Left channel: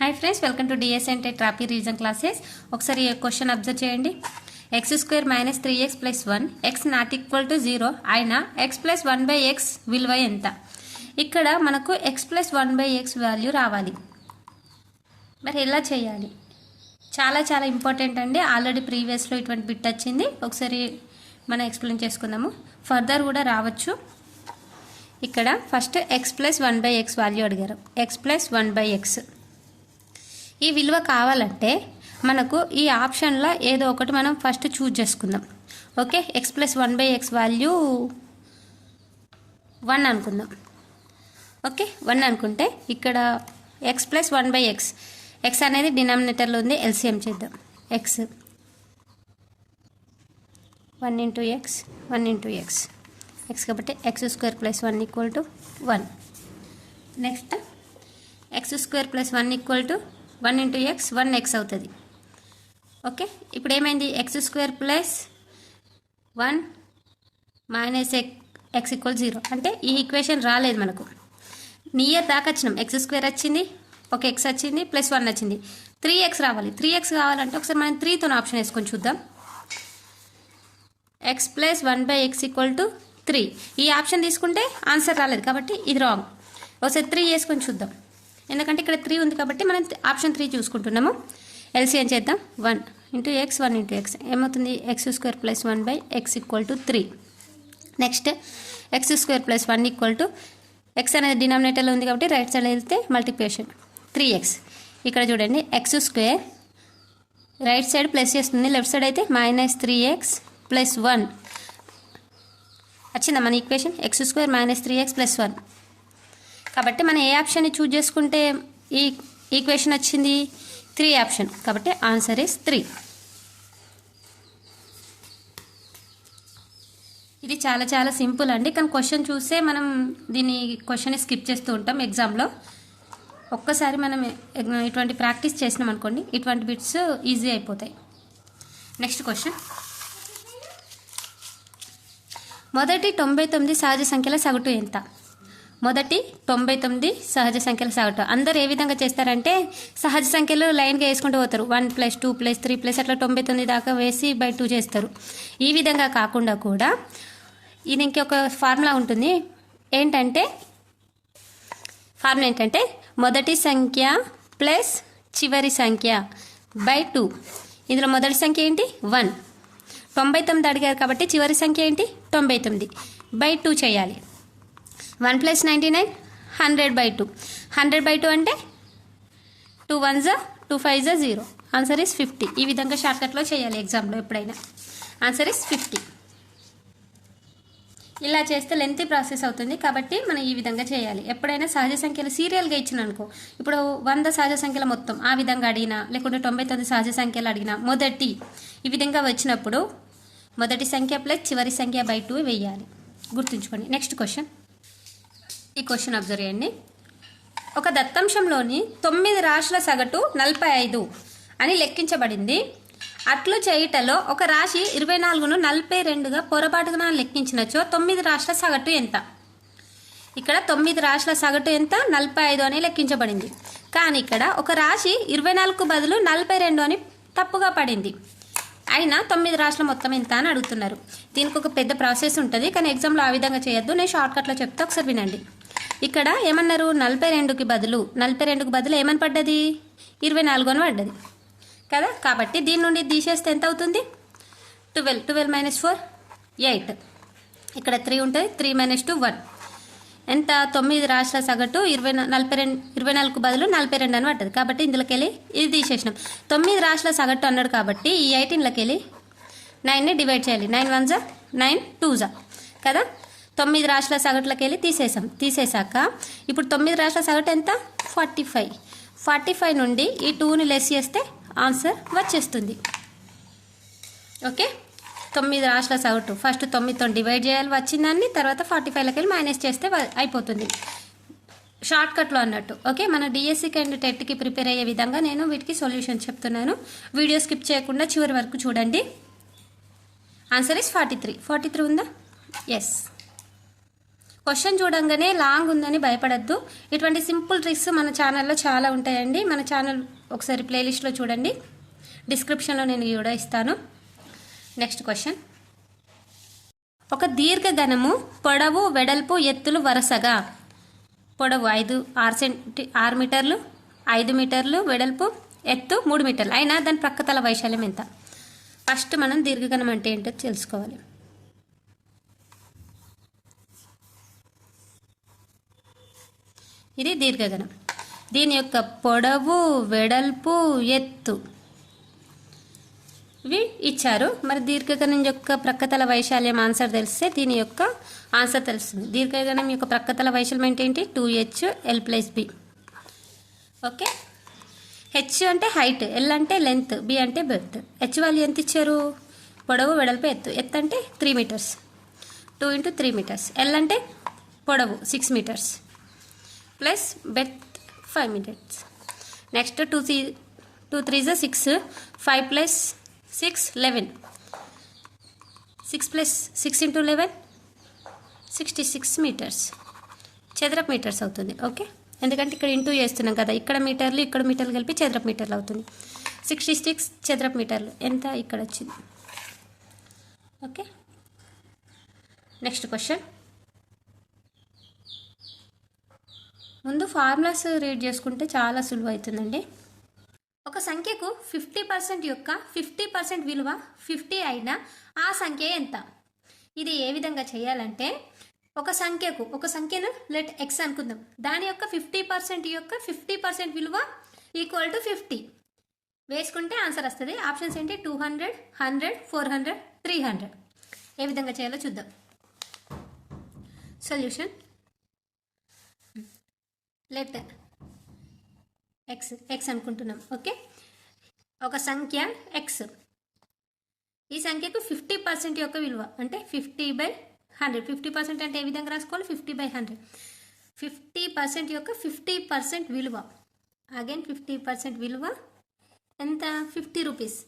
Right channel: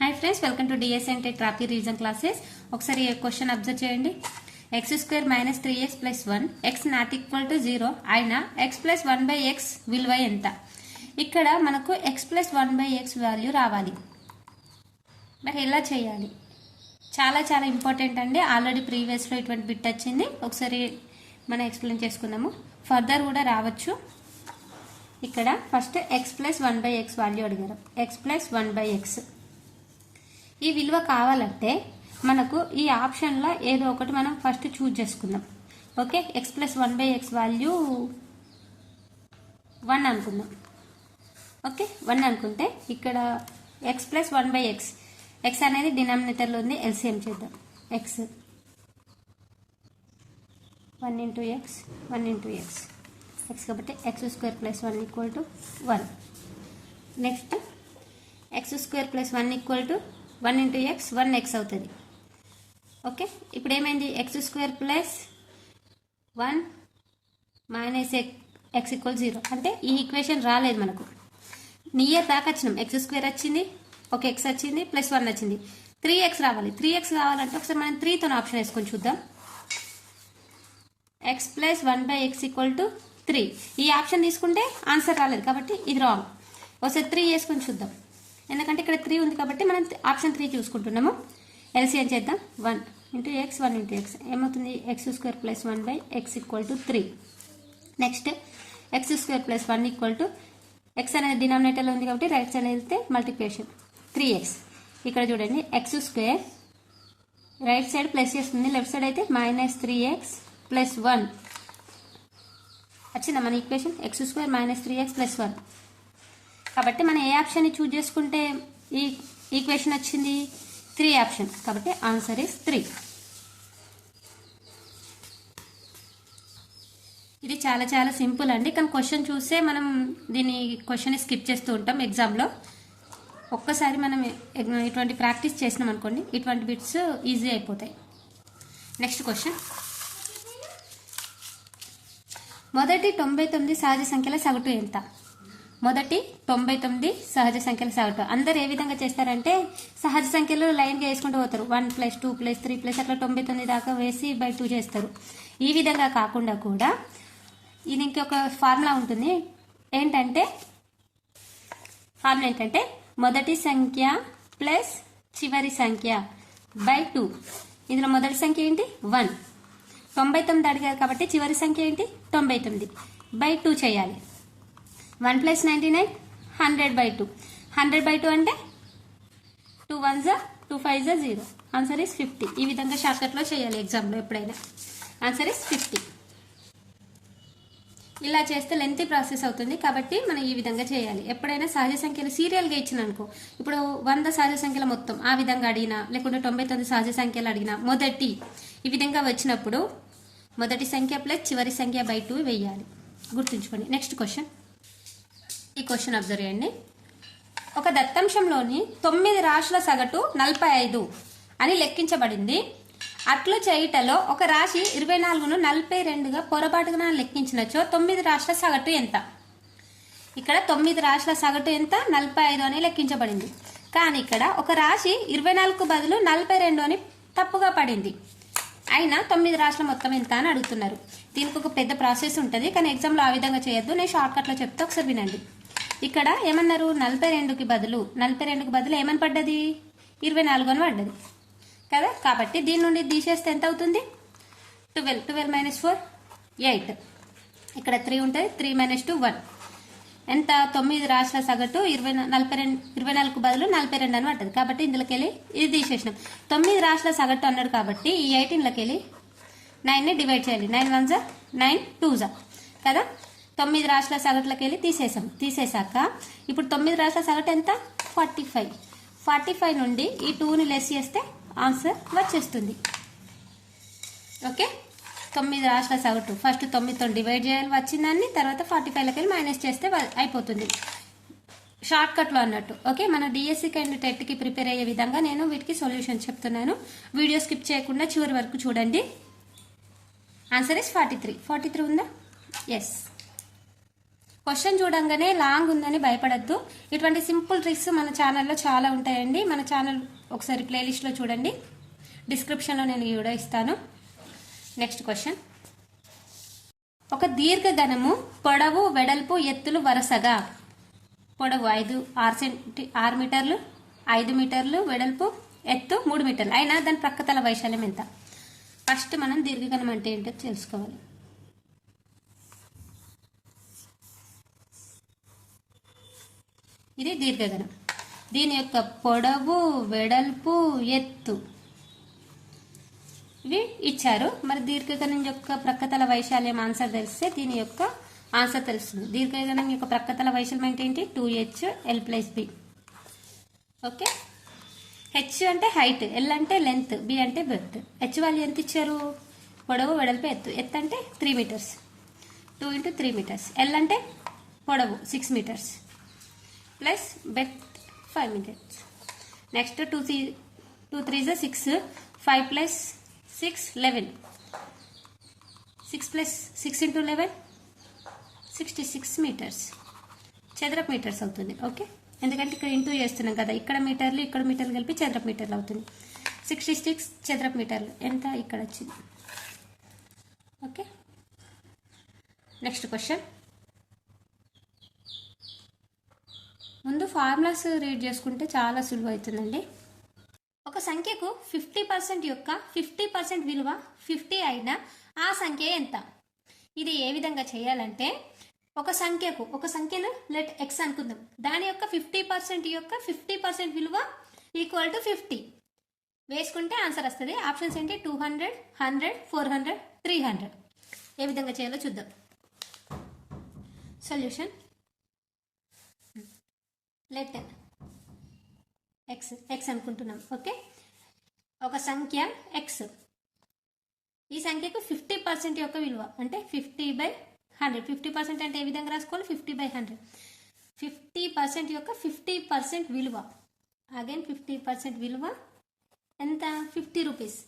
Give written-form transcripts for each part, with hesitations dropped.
Hi friends, welcome to DSNT trophy reason classes. ఒకసారి question observe చేయండి. x² - 3x + 1 x ≠ 0 అయినా x + 1/x విలువ ఎంత? ఇక్కడ మనకు x + 1/x వాల్యూ రావాలి. మరి ఎలా చేయాలి? చాలా చాలా ఇంపార్టెంట్ అండి. ఆల్రెడీ ప్రీవియస్లో ఇటువంటి బిట్ వచ్చింది. ఒకసారి మనం ఎక్స్ప్లెయిన్ చేసుకుందాము. ఫర్దర్ కూడా రావచ్చు. ఇక్కడ ఫస్ట్ x + 1/x వాల్యూ అడిగారు. x + 1/x ఈ విలువ కావాలంటే మనకు ఈ ఆప్షన్లో ఏదో ఒకటి మనం ఫస్ట్ చూజ్ చేసుకుందాం. ఓకే, x + 1/x వాల్యూ 1 అనుకుందాం. ఓకే, 1 అనుకుంటే ఇక్కడ x + 1/x, x అనేది డినామినేటర్లో ఉంది, ఎల్సిఎం చేద్దాం. x 1 × x 1 × x x కాబట్టి x² + 1 = 1. Next x² + 1 = 1 × x 1x అవుతుంది. ఓకే, ఇప్పుడు ఏమైంది? x² + 1 - x = 0 అంటే ఈ ఈక్వేషన్ రాలేదు మనకు. నియర్ దాకా వచ్చినాం. x² వచ్చింది, ఒక x వచ్చింది, +1 వచ్చింది. 3x రావాలి. 3x కావాలంటే ఒకసారి మనం 3తో ఆప్షన్ వేసుకొని చూద్దాం. x + 1/x = 3. ఈ ఆప్షన్ తీసుకుంటే ఆన్సర్ రాలేదు కాబట్టి ఇది రాంగ్. ఒకసారి 3 వేసుకొని చూద్దాం. ఎందుకంటే ఇక్కడ 3 ఉంది కాబట్టి మనం ఆప్షన్ 3 చూసుకుంటున్నాము. ఎల్సిఎం చేద్దాం. 1 × x 1 × x ఏమవుతుంది? x² + 1/x = 3. Next x² + 1 = x అనేది డినామినేటర్లో ఉంది కాబట్టి రైట్ సైడ్ వెళ్తే మల్టిప్లికేషన్ 3x. ఇక్కడ చూడండి, x² రైట్ సైడ్ ప్లస్ చేస్తుంది, లెఫ్ట్ సైడ్ అయితే -3x + 1 వచ్చిందా మన ఈక్వేషన్? x² - 3x + 1 కాబట్టి మనం ఏ ఆప్షన్ని చూజ్ చేసుకుంటే ఈ ఈక్వేషన్ వచ్చింది? 3 ఆప్షన్. కాబట్టి ఆన్సర్ ఈస్ 3. ఇది చాలా చాలా సింపుల్ అండి. కానీ క్వశ్చన్ చూస్తే మనం దీన్ని క్వశ్చన్ స్కిప్ చేస్తూ ఉంటాం ఎగ్జామ్లో. ఒక్కసారి మనం ఇటువంటి ప్రాక్టీస్ చేసినాం అనుకోండి, ఇటువంటి బిట్స్ ఈజీ అయిపోతాయి. నెక్స్ట్ క్వశ్చన్, మొదటి 99 సహజ సంఖ్యల సగటు ఎంత? మొదటి 99 సహజ సంఖ్యల సగటు అందరు ఏ విధంగా చేస్తారంటే సహజ సంఖ్యలు లైన్గా వేసుకుంటూ పోతారు. 1 + 2 + 3 అట్లా 99 దాకా వేసి బై 2 చేస్తారు. ఈ విధంగా కాకుండా కూడా ఇది ఇంకొక ఫార్ములా ఉంటుంది. ఫార్ములా ఏంటంటే మొదటి సంఖ్య ప్లస్ చివరి సంఖ్య బై 2. ఇందులో మొదటి సంఖ్య ఏంటి? 1. 99 అడిగారు కాబట్టి చివరి సంఖ్య ఏంటి? 99 బై 2 చేయాలి. 1 + 99 100/2. 100/2 అంటే 2 1s 2 5s 0. Answer is 50. ఈ విధంగా షార్ట్కట్లో చేయాలి ఎగ్జామ్లో ఎప్పుడైనా. Answer is 50. ఇలా చేస్తే లెంతీ ప్రాసెస్ అవుతుంది కాబట్టి మనం ఈ విధంగా చేయాలి. ఎప్పుడైనా సహజ సంఖ్యలు సీరియల్గా ఇచ్చిన అనుకో, ఇప్పుడు 100 సహజ సంఖ్యల మొత్తం ఆ విధంగా అడిగినా, లేకుంటే 99 సహజ సంఖ్యలు అడిగినా మొదటి ఈ విధంగా వచ్చినప్పుడు మొదటి సంఖ్య ప్లస్ చివరి సంఖ్య బై 2 వేయాలి. గుర్తుంచుకోండి. నెక్స్ట్ క్వశ్చన్, ఈ క్వశ్చన్ అబ్జర్వ్ చేయండి. ఒక దత్తాంశంలోని 9 రాశుల సగటు 45 అని లెక్కించబడింది. అట్లు చేయుటలో ఒక రాశి 24ను 42గా పొరపాటుగా లెక్కించినచో 9 రాశుల సగటు ఎంత? ఇక్కడ 9 రాశుల సగటు ఎంత? 45 అని లెక్కించబడింది. కానీ ఇక్కడ ఒక రాశి 24కు బదులు 42 అని తప్పుగా పడింది. అయినా 9 రాశుల మొత్తం ఎంత అని అడుగుతున్నారు. దీనికి ఒక పెద్ద ప్రాసెస్ ఉంటుంది, కానీ ఎగ్జామ్లో ఆ విధంగా చేయొద్దు. నేను షార్ట్కట్లో చెప్తే ఒకసారి వినండి. ఇక్కడ ఏమన్నారు? 42కి బదులు ఏమని పడ్డది? 24 అని పడ్డది కదా. కాబట్టి దీని నుండి తీసేస్తే ఎంత అవుతుంది? 12 - 4 8. ఇక్కడ 3 ఉంటుంది, 3 - 2 1. ఎంత? 9 రాశుల సగటు 24కు బదులు 42 అని పడ్డది. కాబట్టి ఇందులోకి వెళ్ళి ఇది తీసేసినాం. 9 రాశుల సగటు అన్నాడు కాబట్టి ఈ 18లోకి వెళ్ళి 9ని డివైడ్ చేయాలి. 9 1s 9 2s కదా. 9 రాశుల సగటులోకి వెళ్ళి తీసేసాక ఇప్పుడు 9 రాశుల సగటు ఎంత? 45. 45 నుండి ఈ 2ని లెస్ చేస్తే ఆన్సర్ వచ్చేస్తుంది. ఓకే, 9 రాశుల సగటు ఫస్ట్ 9తో డివైడ్ చేయాలి వచ్చిందాన్ని, తర్వాత 45లోకి వెళ్ళి మైనస్ చేస్తే అయిపోతుంది. షార్ట్కట్లో అన్నట్టు. ఓకే, మన డిఎస్సికి అండ్ టెట్కి ప్రిపేర్ అయ్యే విధంగా నేను వీటికి సొల్యూషన్ చెప్తున్నాను. వీడియో స్కిప్ చేయకుండా చివరి వరకు చూడండి. Answer is 43. 43 ఉందా? ఎస్. క్వశ్చన్ చూడంగానే లాంగ్ ఉందని భయపడద్దు. ఇటువంటి సింపుల్ ట్రిక్స్ మన ఛానల్లో చాలా ఉంటాయండి. మన ఛానల్ ఒకసారి ప్లేలిస్ట్లో చూడండి, డిస్క్రిప్షన్లో నేను కూడా ఇస్తాను. Next question. ఒక దీర్ఘఘనము పొడవు, వెడల్పు, ఎత్తులు వరుసగా పొడవు 6 మీటర్లు, 5 మీటర్లు, వెడల్పు ఎత్తు 3 మీటర్లు అయినా దాని ప్రక్కతల వైశాల్యం ఎంత? ఫస్ట్ మనం దీర్ఘఘనం అంటే ఏంటో తెలుసుకోవాలి. ఇది దీర్ఘఘనం. దీని యొక్క పొడవు, వెడల్పు, ఎత్తు ఇవి ఇచ్చారు. మరి దీర్ఘఘనం యొక్క ప్రక్కతల వైశాల్యం ఆన్సర్ తెలిస్తే దీని యొక్క ఆన్సర్ తెలుస్తుంది. దీర్ఘఘనం యొక్క ప్రక్కతల వైశాల్యం ఏంటి? 2h l+b. ఓకే. హెచ్ అంటే హైట్, ఎల్ అంటే లెంత్, బి అంటే బెర్త్. హెచ్ వాల్యూ ఎంత ఇచ్చారు? పొడవు, వెడల్పు, ఎత్తు. ఎత్తు అంటే 3 మీటర్స్, 2 × 3 మీటర్స్. ఎల్ అంటే పొడవు 6 meters plus breadth 5 meters. Next 2 3 = 6, 5 + 6 11, 6 + 6 × 11 66 metres చదరపు మీటర్స్ అవుతుంది. ఓకే, ఎందుకంటే ఇక్కడ ఇంటూ చేస్తున్నాం కదా, ఇక్కడ మీటర్లు ఇక్కడ మీటర్లు కలిపి చదరపు మీటర్లు అవుతుంది. 66 చదరపు మీటర్లు ఎంత ఇక్కడ వచ్చింది. ఓకే. Next question. ముందు ఫార్ములాస్ రీడ్ చేసుకుంటే చాలా సులువు అవుతుందండి. ఒక సంఖ్యకు 50% యొక్క 50% విలువ 50 అయినా ఆ సంఖ్య ఎంత? ఇది ఏ విధంగా చేయాలంటే, ఒక సంఖ్యను లెట్ x అనుకుందాం. దాని యొక్క 50% యొక్క 50% విలువ ఈక్వల్ టు 50 వేసుకుంటే ఆన్సర్ వస్తుంది. ఆప్షన్స్ ఏంటి? 200, 100, 400, 300. ఏ విధంగా చేయాలో చూద్దాం. సొల్యూషన్. లెట్ x అనుకుంటున్నాం. ఓకే, ఒక సంఖ్య x. ఈ సంఖ్యకు 50% యొక్క విలువ అంటే 50/100. 50% అంటే ఏ విధంగా రాసుకోవాలి? 50/100. 50% యొక్క 50% విలువ, అగైన్ 50% విలువ ఎంత? 50 రూపీస్.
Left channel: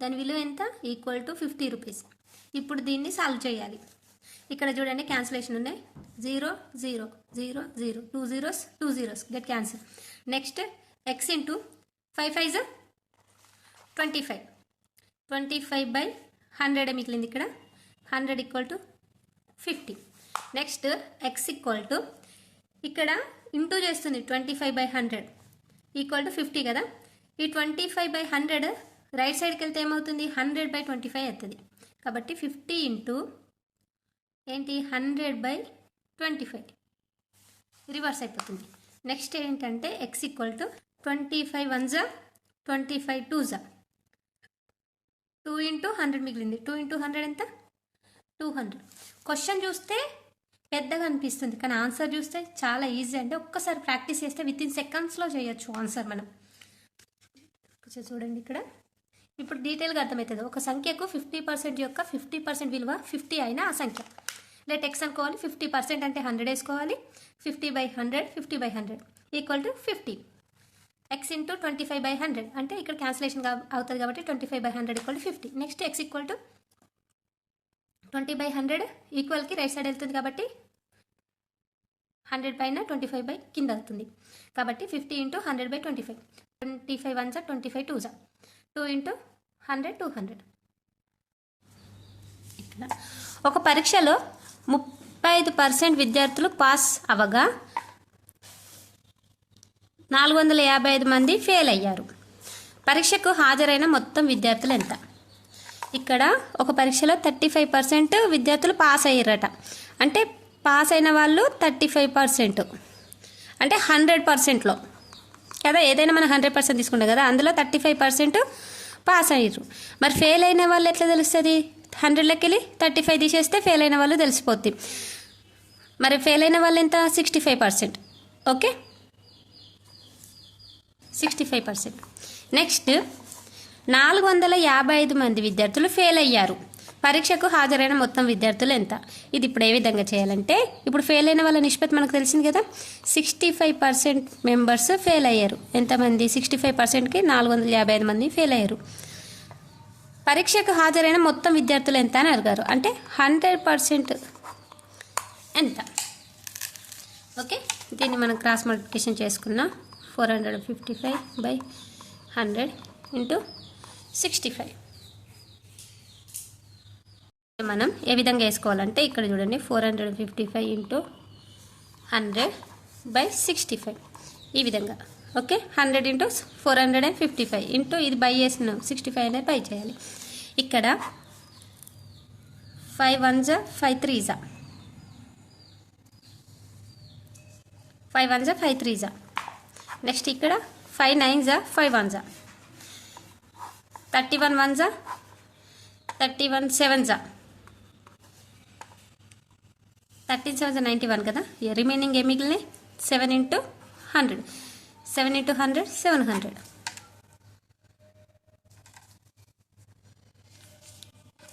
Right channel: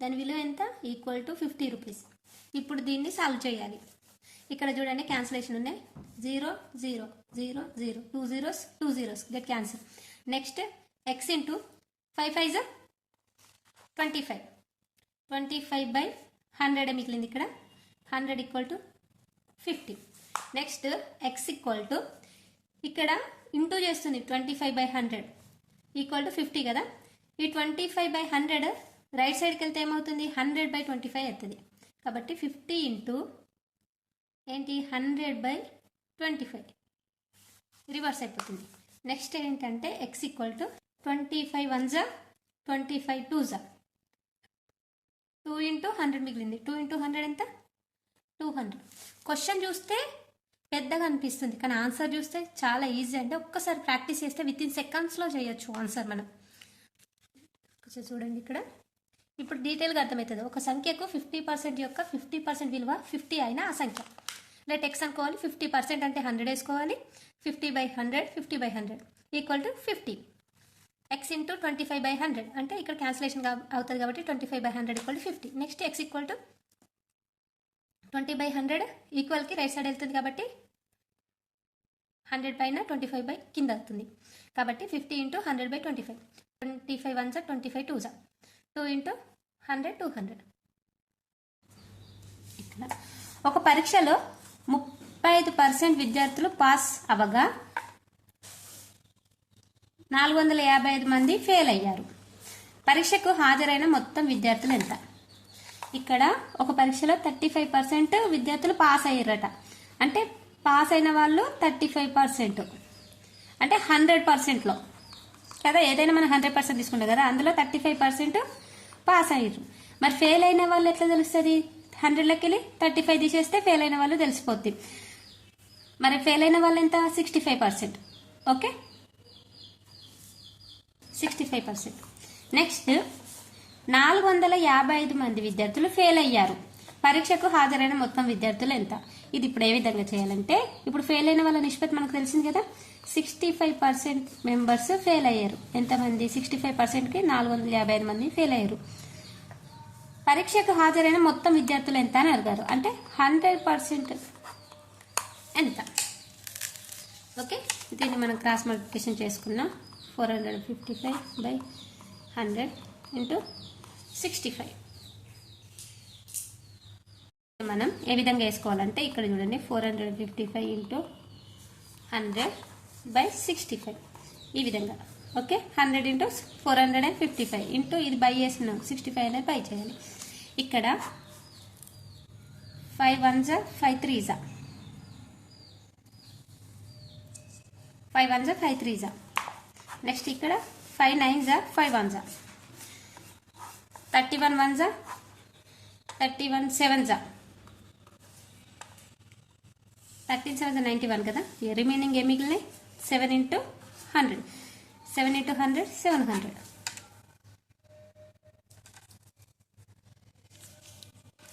దాని విలువ ఎంత? Equal to 50 rupees. ఇప్పుడు దీన్ని సాల్వ్ చేయాలి. ఇక్కడ చూడండి, క్యాన్సిలేషన్ ఉన్నాయి. 0 0 0 0, 2 zeros 2 zeros get cancel. Next x into 5 5 = 25. 25/100 మిగిలింది ఇక్కడ. 100 = 50. నెక్స్ట్ x ఈక్వల్ టు, ఇక్కడ ఇంటూ చేస్తుంది 25/100 ఈక్వల్ టు 50 కదా. ఈ 25/100 రైట్ సైడ్కి వెళ్తే ఏమవుతుంది? 100/25 అవుతుంది. కాబట్టి 50 ఇంటూ ఏంటి? 100/25 రివర్స్ అయిపోతుంది. నెక్స్ట్ ఏంటంటే x equal to 25 1s 25 2s 2 × 100 మిగిలింది. 2 × 100 ఎంత? 200. క్వశ్చన్ చూస్తే పెద్దగా అనిపిస్తుంది, కానీ ఆన్సర్ చూస్తే చాలా ఈజీ. అంటే ఒక్కసారి ప్రాక్టీస్ చేస్తే వితిన్ సెకండ్స్లో చేయొచ్చు ఆన్సర్ మనం. చూడండి ఇక్కడ, ఇప్పుడు డీటెయిల్గా అర్థమవుతుంది. ఒక సంఖ్యకు 50% యొక్క 50% విలువ 50 అయినా ఆ సంఖ్య. లెట్ x అనుకోవాలి. 50% అంటే 100 వేసుకోవాలి. 50/100 50/100 ఈక్వల్ టు 50. x ఇంటూ 25/100 అంటే ఇక్కడ క్యాన్సిలేషన్ అవుతుంది కాబట్టి 25/100 equal to 50. Next x equal to 20/100 ఈక్వల్కి రైట్ సైడ్ వెళ్తుంది కాబట్టి 100 పైన 25 కింద అవుతుంది. కాబట్టి 50 ఇంటూ 100/25. 25 1s 25 2s 2 × 100 200. ఒక పరీక్షలో 35% విద్యార్థులు పాస్ అవగా 455 మంది ఫెయిల్ అయ్యారు. పరీక్షకు హాజరైన మొత్తం విద్యార్థులు ఎంత? ఇక్కడ ఒక పరీక్షలో 35% విద్యార్థులు పాస్ అయ్యారట. అంటే పాస్ అయిన వాళ్ళు 35% అంటే 100%లో కదా. ఏదైనా మనం 100% తీసుకుంటాం కదా, అందులో 35% పాస్ అయ్యారు. మరి ఫెయిల్ అయిన వాళ్ళు ఎట్లా తెలుస్తుంది? 100లోకి వెళ్ళి 35 తీసేస్తే ఫెయిల్ అయిన వాళ్ళు తెలిసిపోద్ది. మరి ఫెయిల్ అయిన వాళ్ళు ఎంత? 65%. ఓకే, 65%. నెక్స్ట్ 455 మంది విద్యార్థులు ఫెయిల్ అయ్యారు. పరీక్షకు హాజరైన మొత్తం విద్యార్థులు ఎంత? ఇది ఇప్పుడు ఏ విధంగా చేయాలంటే, ఇప్పుడు ఫెయిల్ అయిన వాళ్ళ నిష్పత్తి మనకు తెలిసింది కదా. 65% మెంబర్స్ ఫెయిల్ అయ్యారు. ఎంతమంది? 65%కి 455 మంది ఫెయిల్ అయ్యారు. పరీక్షకు హాజరైన మొత్తం విద్యార్థులు ఎంత అని అడిగారు. అంటే 100% ఎంత? ఓకే, దీన్ని మనం క్రాస్ మల్టిప్లికేషన్ చేసుకున్నాం. 455/100 ఇంటూ 65. మనం ఏ విధంగా వేసుకోవాలంటే ఇక్కడ చూడండి, 455 ఇంటూ 100/65 ఈ విధంగా. ఓకే, 100 ఇంటూ 455 ఇంటూ ఇది బై చేస్తున్నాం, 65 అనేది బై చేయాలి. ఇక్కడ 5 1s 5 3s 5 1s 5 3s. Next ఇక్కడ 5 9s 5 1s 31 1s 31 7s 13 7s 91 కదా. రిమైనింగ్ ఏ మిగిలినాయి 7 ఇంటూ 100 7 ఇంటూ 100 700.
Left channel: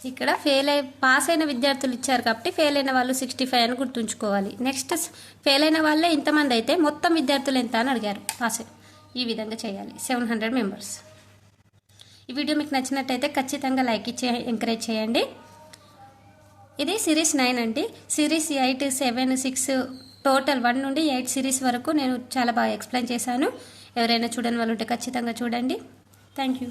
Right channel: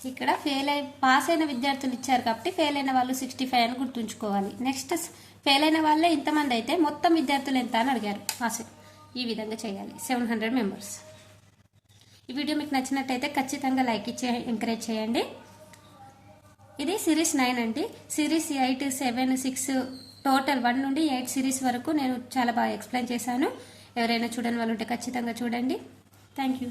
ఇక్కడ పాస్ అయిన విద్యార్థులు ఇచ్చారు కాబట్టి ఫెయిల్ అయిన వాళ్ళు 65 అని గుర్తుంచుకోవాలి. నెక్స్ట్ ఫెయిల్ అయిన వాళ్ళే ఇంతమంది అయితే మొత్తం విద్యార్థులు ఎంత అని అడిగారు. పాస్ ఈ విధంగా చేయాలి. 700 మెంబర్స్. ఈ వీడియో మీకు నచ్చినట్టయితే ఖచ్చితంగా లైక్ ఇచ్చి ఎంకరేజ్ చేయండి. ఇది సిరీస్ 9 అండి. సిరీస్ 8 7 6 టోటల్ 1 నుండి 8 సిరీస్ వరకు నేను చాలా బాగా ఎక్స్ప్లెయిన్ చేశాను. ఎవరైనా చూడని వాళ్ళు ఉంటే ఖచ్చితంగా చూడండి. Thank you.